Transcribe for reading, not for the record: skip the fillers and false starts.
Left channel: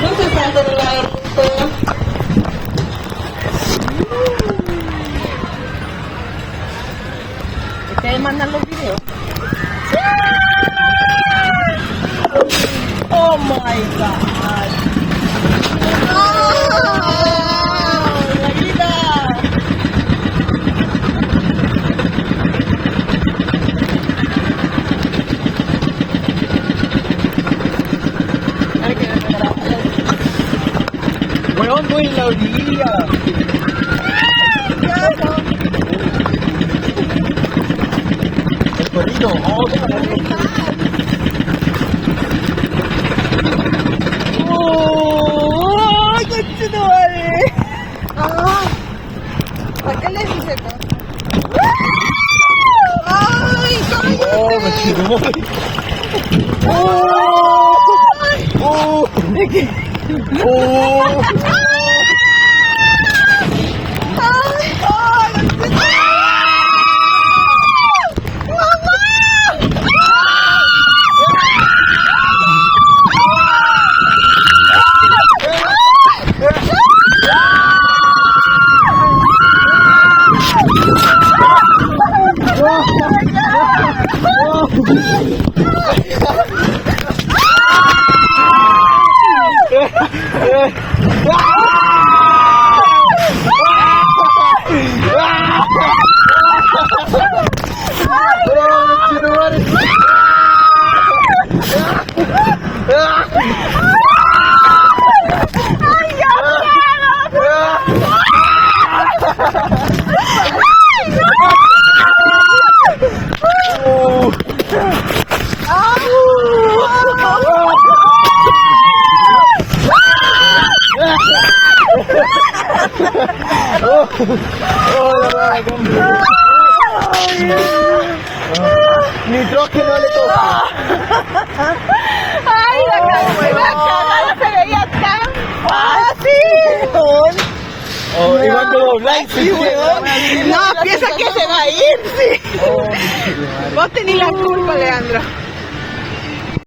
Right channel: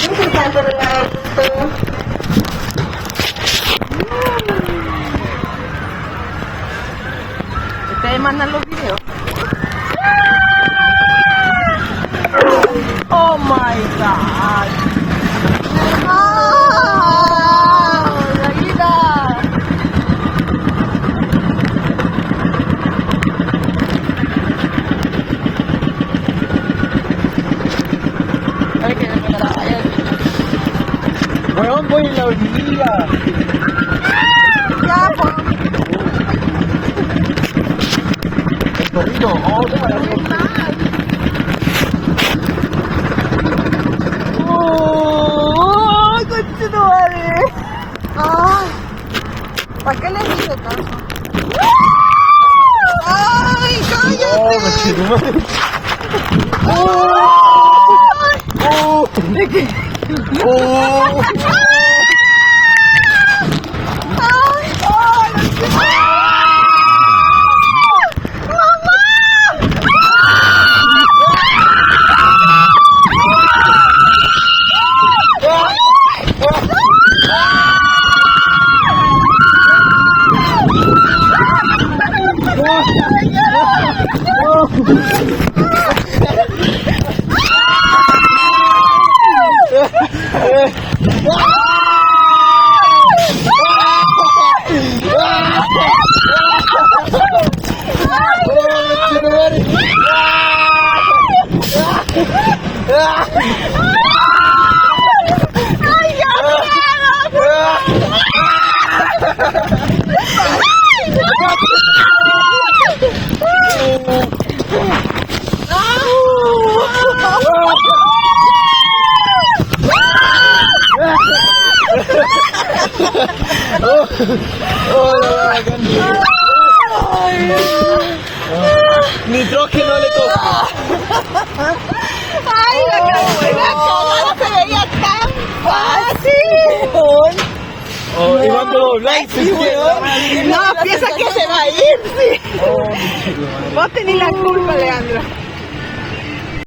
No se salta del laberinto. Ustedes mandan los videos. Oh my god. La vida. ¿Dónde la vida? El perrito, ¡Ay, conchetumare! ¿Para qué le dice tanto? ¡Ay, cállate! Oh, conchetumare. Ni troque no le toca. ¡Ay, la cara se veía tan fácil! Oh, y mando los likes, sí, weón. No, piensa que se va a ir, sí. Vos tenés la culpa, Leandro.